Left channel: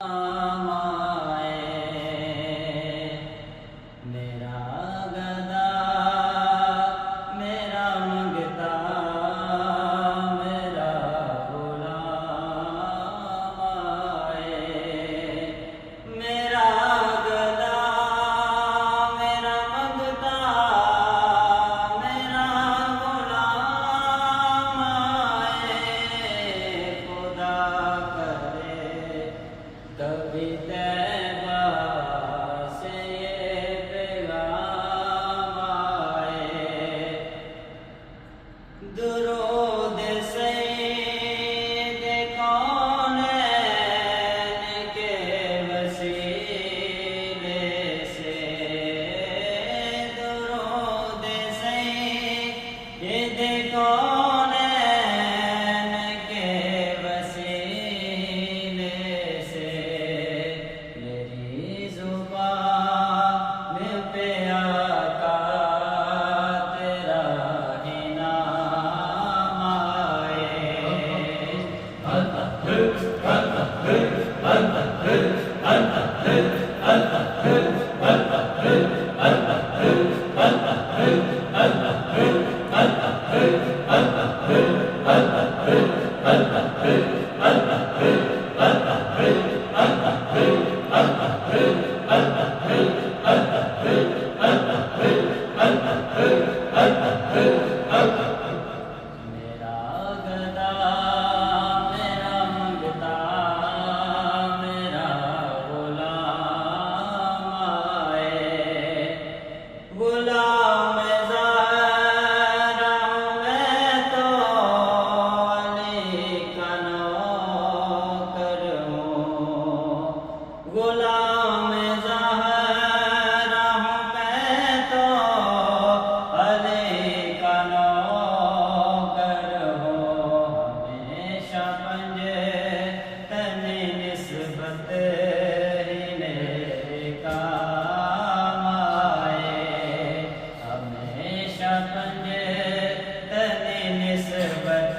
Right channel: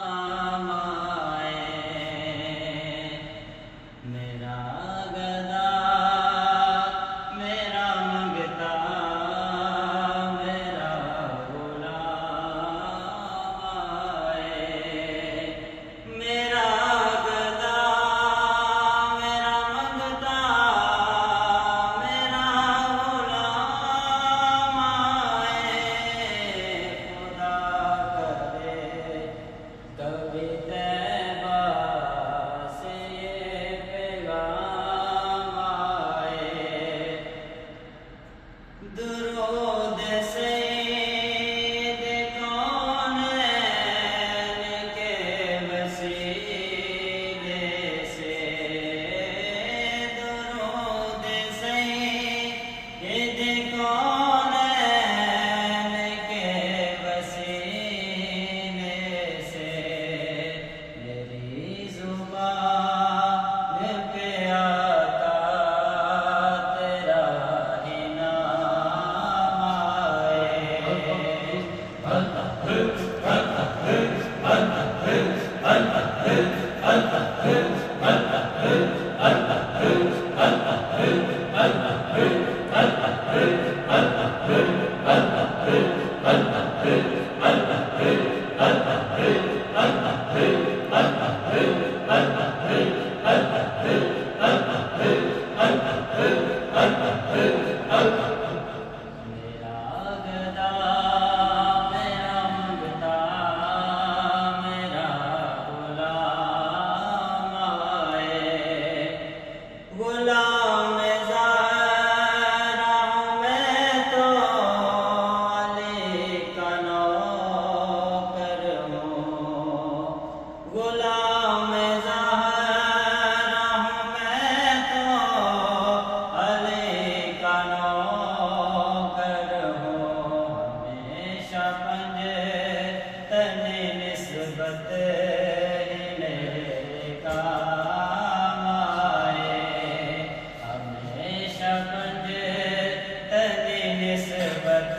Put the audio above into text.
आए मेरा गदा मेरा मंगता मेरा गुलाम आए मेरा गदा मेरा मंगता मेरा गुलाम आए खुदा करे कभी तैबा से ये पैगाम आए दुरूद सईद कौनैन के वसीले से दुरूद सईद कौनैन के वसीले से मेरी ज़ुबान पे आका तेरा ही नाम मेरा गदा मेरा मंगता मेरा गुलाम आए गुलाम ज़ाहिरा हूँ मैं तो अली का नौकर हूँ गुलाम ज़ाहिरा हूँ मैं तो अली का नौकर हूँ हमेशा पंजे तने निस्बत ही मेरे काम आए हमेशा पंजे तने निस्बत